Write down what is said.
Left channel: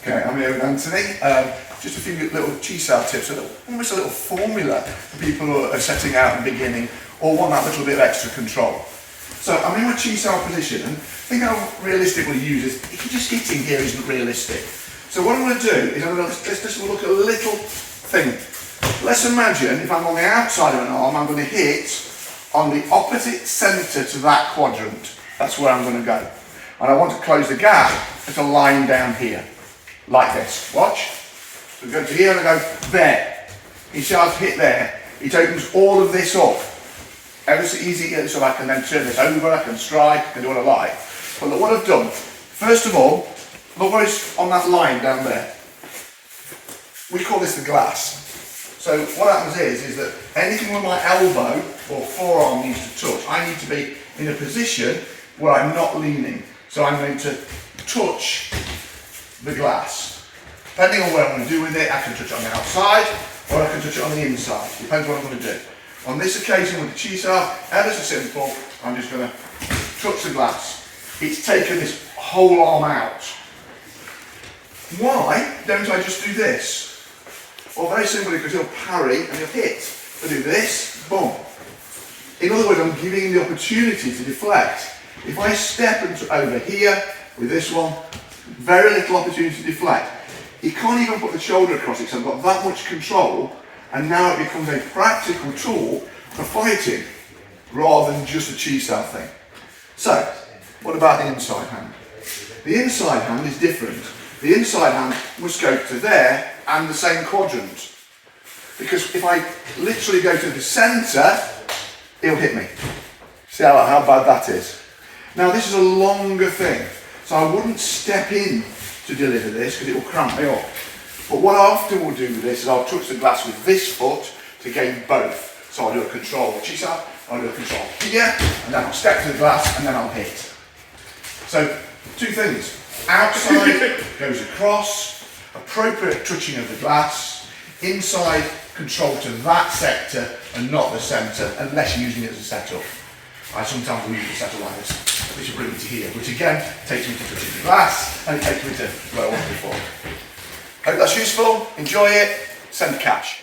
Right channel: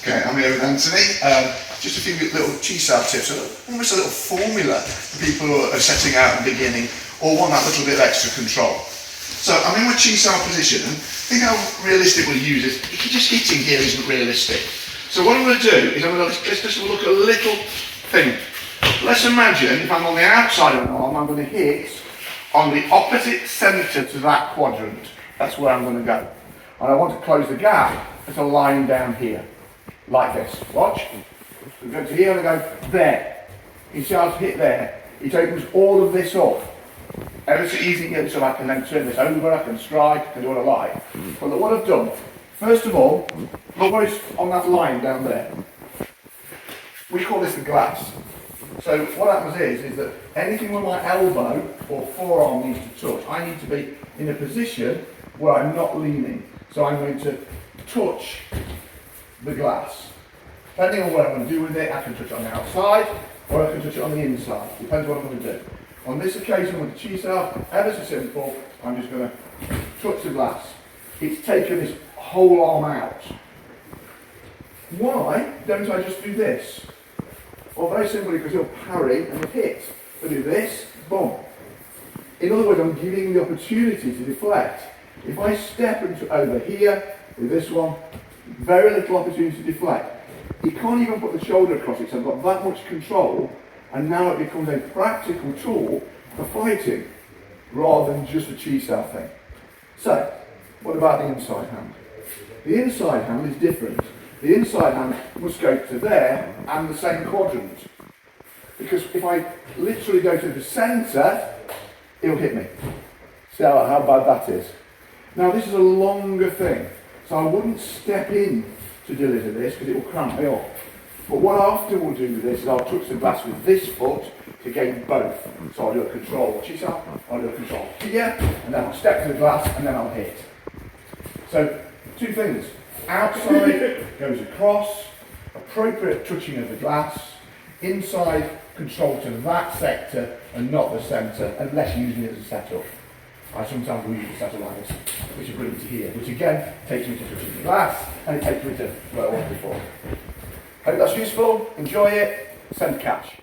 Okay, I'm here with Anthony. Just a few little Chi Sau tips, almost a little formula for people who are setting out and beginning or want that little bit of extra control. So I'm in my Chi Sau position, and I think how realistic we'll use is, if you're just hitting here isn't realistic. So what I'm going to do is let's just look at a little thing. Let's imagine if I'm on the outside of an arm, I'm going to hit on the opposite centre to that quadrant. That's where I'm going to go. And I want to close the gap at a line down here, like this. Watch. So we go to here and I go there. You see I've hit there. It opens all of this up. Ever so easy, so I can then turn this over, I can strike, I can do what I like. But look what I've done. First of all, look what is on that line down there. We call this the glass. So what happens is that anything where my elbow or forearm needs to touch, I need to be in a position where I'm not leaning. So I'm going to touch the glass. Depending on what I'm going to do with it, I can touch it on the outside or I can touch it on the inside. Depends what I'm going to do. On this occasion with the Chi Sau, ever so simple, I'm just going to touch the glass. It's taken this whole arm out. Why don't I just do this? Well, very simply because he'll parry and he'll hit. I do this, boom. In other words, I'm giving him the opportunity to deflect. If I step over here with this one, very little opportunity to deflect. You can't even put the shoulder across it, so I've got that much control, and now it becomes a practical tool for fighting, rather than just a Chi Sau thing. So, what about the inside hand? The inside hand is different. The inside hand must go to there and the same quadrant. Because if I literally go to the centre, he'll hit me. See how bad that is? Now this is a longer thing, so I wouldn't step in to deliver this because it will cramp me up. But what I often will do with this is I'll touch the glass with this foot to gain both. So I'll do a control Chi Sau, I'll do a control here, and then I'll step to the glass and then I'll hit. So two things, outside goes across, appropriate touching of the glass, inside control to that sector and not the centre unless you're using it as a setup. I sometimes will use a setup like this, which will bring me to here, which again takes me to touching the glass and it takes me to where I was before. Hope that's useful, enjoy it, send cash.